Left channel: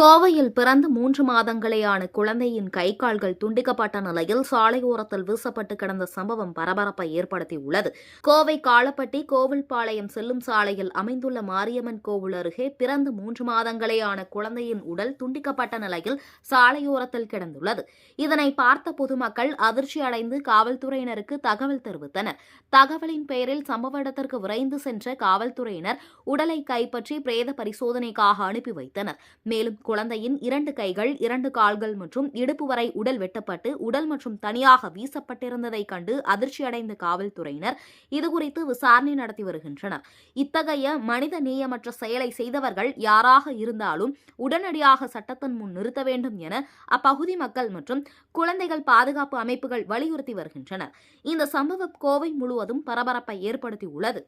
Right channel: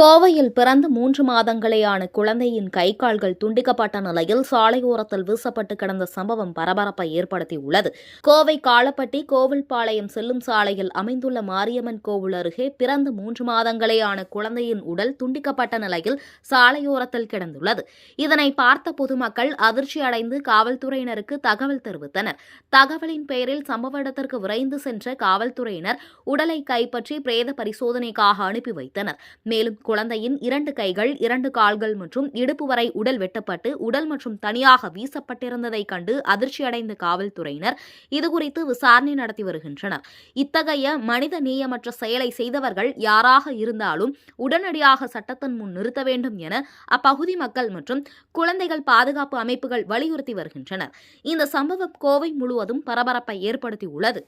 கோவையில் பிறந்து 3 மாதங்களேயான குழந்தையின் கை கால்கள் துண்டிக்கப்பட்ட நிலையில் சாலையோரத்தில் வீசப்பட்டு கிடந்த சம்பவம் பரபரப்பை ஏற்படுத்தியுள்ளது. கோவை காளப்பட்டி கோவில்பாளையம் செல்லும் சாலையில் அமைந்துள்ள மாரியம்மன் கோவில் அருகே பிறந்து 3 மாதங்களேயான குழந்தையின் உடல் துண்டிக்கப்பட்ட நிலையில் சாலையோரத்தில் கிடந்துள்ளது. இதனை பார்த்த பொதுமக்கள் அதிர்ச்சியடைந்து காவல்துறையினருக்கு தகவல் தெரிவித்தனர். தகவலின் பெயரில் சம்பவ இடத்திற்கு விரைந்து சென்ற காவல்துறையினர் உடலை கைப்பற்றி பிரேத பரிசோதனைக்காக அனுப்பி வைத்தனர். மேலும் குழந்தையின் 2 கைகள் 2 கால்கள் மற்றும் இடுப்பு வரை உடல் வெட்டப்பட்டு உடல் மற்றும் தனியாக வீசப்பட்டிருந்ததை கண்டு அதிர்ச்சியடைந்த காவல்துறையினர் இதுகுறித்து விசாரணை நடத்தி வருகின்றனர். இத்தகைய மனித நேயமற்ற செயலை செய்தவர்கள் யாராக இருந்தாலும் உடனடியாக சட்டத்தின் முன் நிறுத்த வேண்டும் என அப்பகுதி மக்கள் மற்றும் குழந்தைகள் பாதுகாப்பு அமைப்புகள் வலியுறுத்தி வருகின்றனர். இந்த சம்பவம் கோவை முழுவதும் பரபரப்பை ஏற்படுத்தியுள்ளது.